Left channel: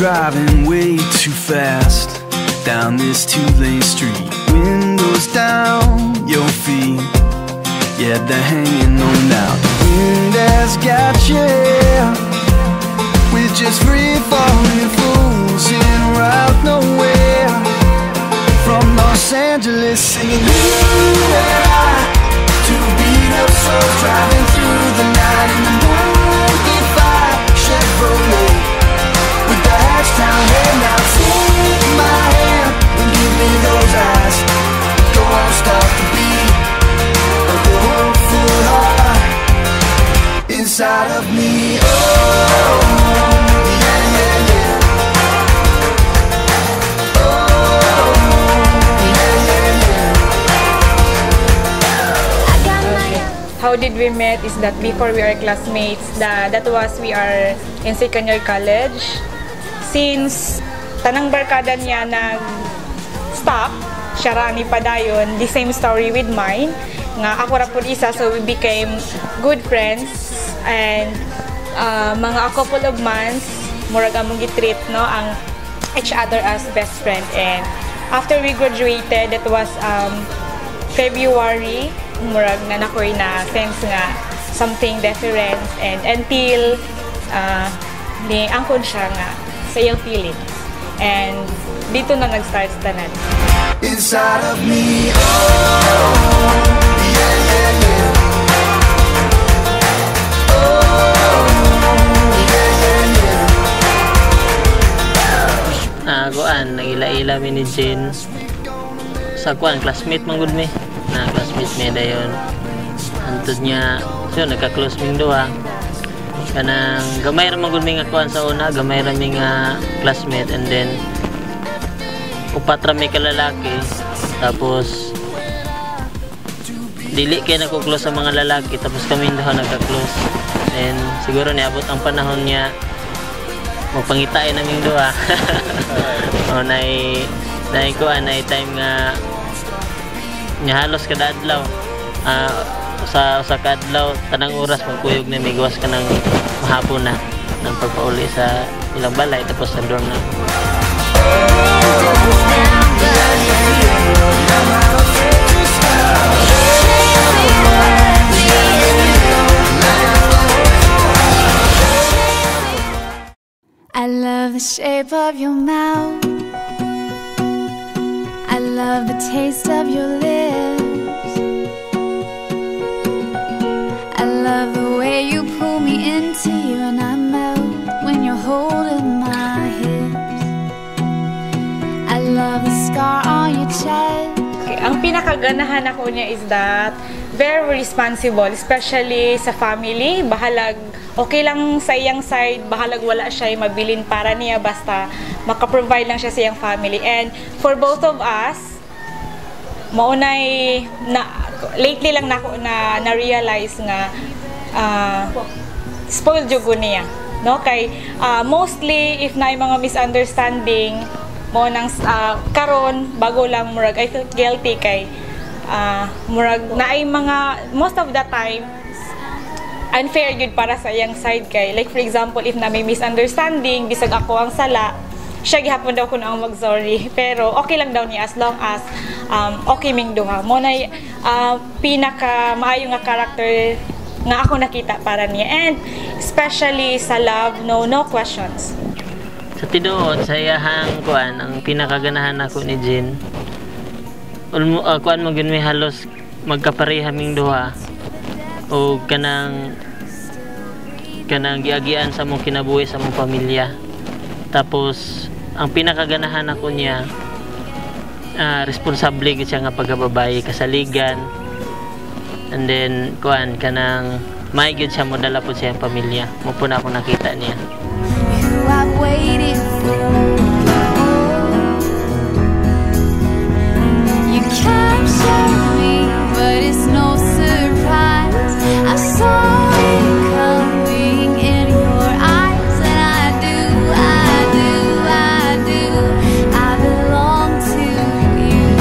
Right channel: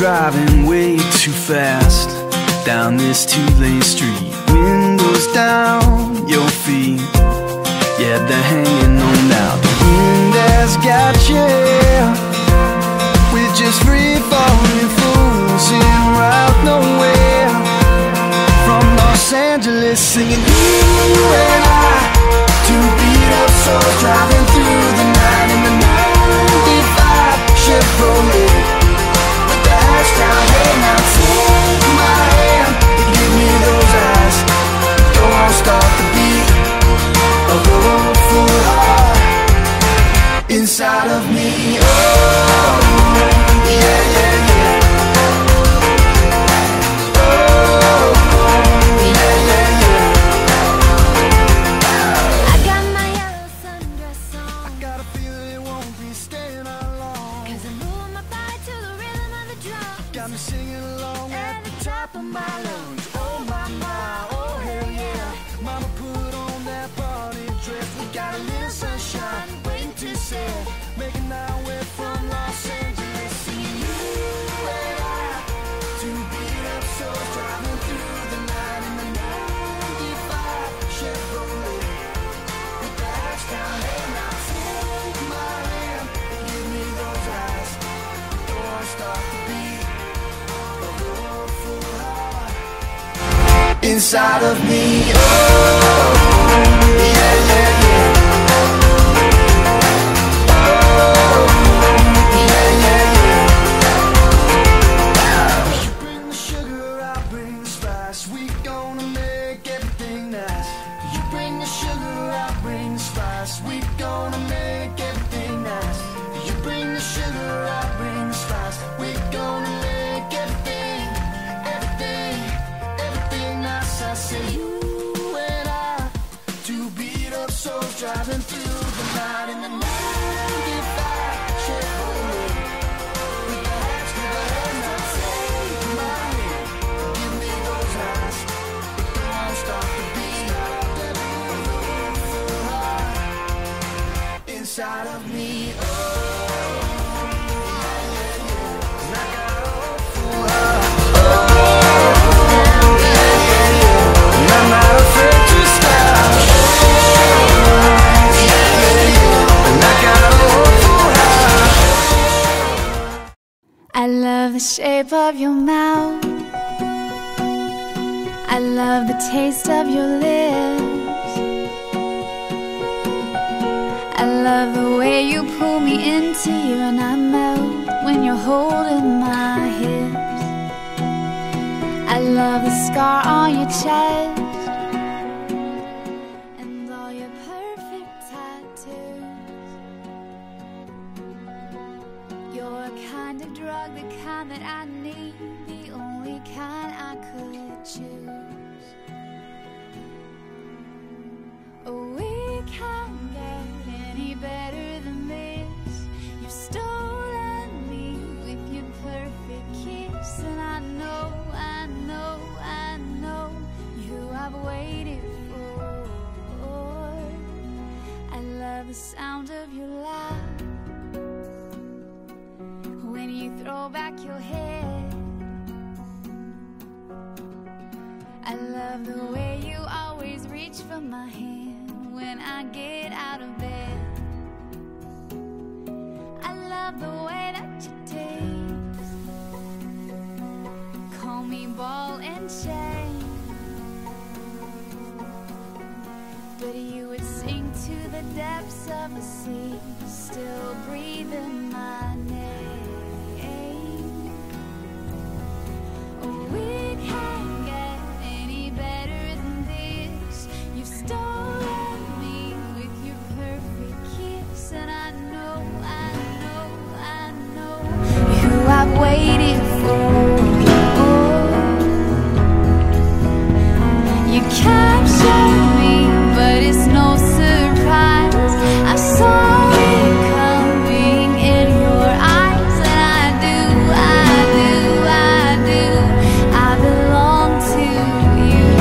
driving way too fast down this two-lane street. Windows down, your feet, yeah, they're hanging on now. The wind has got you. We're just free-falling fools in route nowhere. From Los Angeles singing you and I, two beat-up souls driving through the night in the 95 Chevrolet with the hatch down. Hey, now take my hand and give me those eyes. Go on, start the beat of the hopeful heart inside of me. Oh, yeah, yeah, yeah. Oh, yeah, yeah, yeah. I got my How did we met is that before we are classmates, that was we are in second year college. Since tanang barkada niya nag-stop, siya rani pa dayon, the same story with mine, nga ako ra pud isa, so we became good friends, and mga a couple of months, murag among gitreat, no, ang each other as best friend. And after we graduated, that was February, murag na nakoy na sense nga something different, and until ni angkod siya nga sa iyang pilit, and dito na nag-start tanan. Inside of me, oh, yeah, yeah, yeah. Oh, yeah, yeah, yeah. Kuan, nagila-ila mi ni Jen. Sa kuan, classmate man gud mi. Classmate mi dayon. Antod niya, so nagka-close mi duha. Kanang gamay ra man gud mi nga kuan sa una, gamay ra mi nga classmate, and then upat ra mi ka lalaki. Tapos dili kay nagko-close sa mga lalaki, tapos kami daw nagka-close. And siguro niabot ang panahon niya magpangitain naming duha. O nay kuan nay time nga halos kada adlaw. Sa kadlaw tanang oras magkuyog na migwas ka ng hapon na ng pagpauli sa ilang balay, tapos sa dorm na. I love the shape of your mouth. I love the taste of your lips. I love the way you pull me into you, and I melt when you're holding my hips. I love the scar on your chest. Okay, ang pinakaganahan ako niya is that very responsible, especially sa family. Bahalag, okay lang sa iyang side, bahalag wala siya mabilin para niya, basta maka-provide lang siya sa iyang family. And for both of us, maunay na lately lang na-realize nga spoiled jud niya, no, kay mostly if na mga misunderstanding mo nang karon bago lang murag I feel guilty kay murag naay mga most of the time unfair yun para sa iyang side, kay like for example if na may misunderstanding bisag ako ang sala, siya gihapon daw kuno ang mag-sorry, pero okay lang daw niya as long as okay ming duha. Mo na pinaka maayo nga character nga ako nakita para niya, and especially sa love, no questions. Sa tinuod sa iyahang kuan, ang pinakaganahan ako ni Jen, kuan mo gyud may halos magkapareha ming duha, o kanang giagian sa mong kinabuhi sa mong pamilya. Tapos ang pinakaganahan ako niya, responsable gid siya nga pagkababayi, kasaligan, and then kuan kanang may gid siya modala po siya ang pamilya. Mo po na ako nakita niya. You I've waited for. You captured me, but it's no surprise. I saw it coming in your eyes, and I belong to you.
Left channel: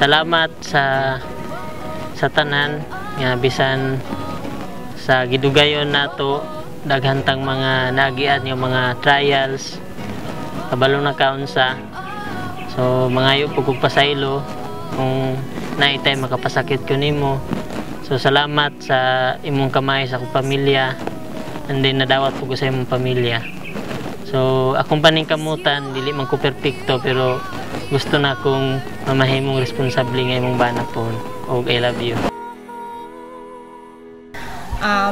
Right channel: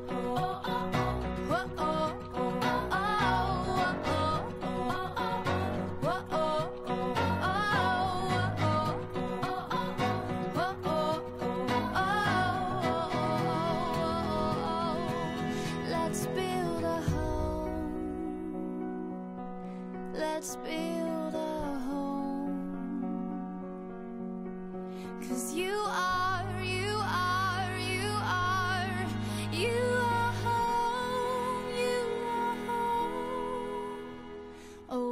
Salamat sa tanan nga bisan sa gidugayon nato daghantang mga nagian yung mga trials kabalo na kaunsa. So mangayo pug pasaylo kung naitay makapasakit ko nimo. So salamat sa imong kamay sa akong pamilya, and then nadawat ko sa imong pamilya. So akong paningkamutan dili man ko perpekto, pero gusto na akong mamahimong responsable nga imong bana po. Og I love you.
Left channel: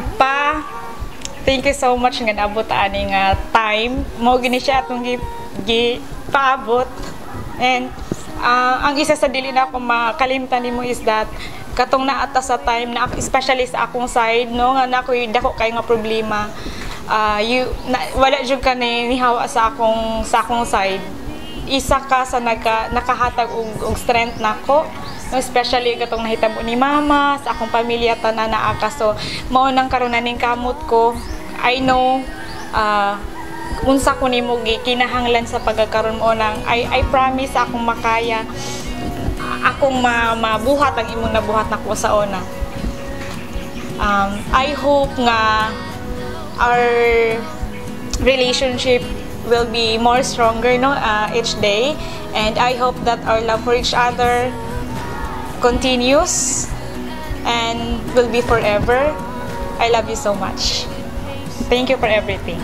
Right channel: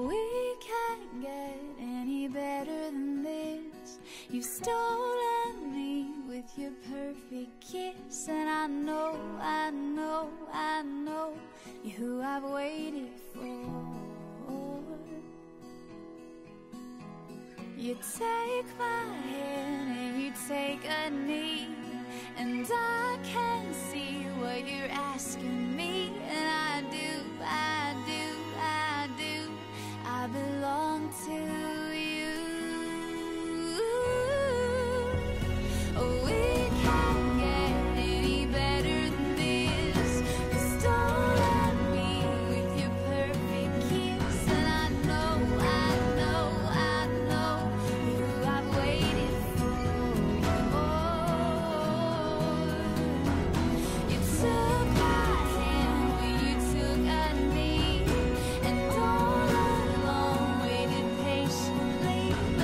Pa, thank you so much nga naabot ani nga time mo gini siya atong paabot. And ang isa sa dili na ako makalimtan nimo is that katong naata sa time na especially sa akong side no nga nakoy dako kay nga problema, wala jud ka ni hawa sa akong side. Isa ka sa nakahatag og strength nako, especially katong nahitabo ni mama sa akong pamilya tanan naa ka. So mao nang karon ning kamot ko. I know unsa ko nimo gikinahanglan sa pagkakaroon mo lang. I promise akong makaya akong mabuhat ang imong nabuhat nako sa una. I hope nga our relationship will be more stronger each day, and I hope that our love for each other continues and will be forever. I love you so much. Thank you for everything.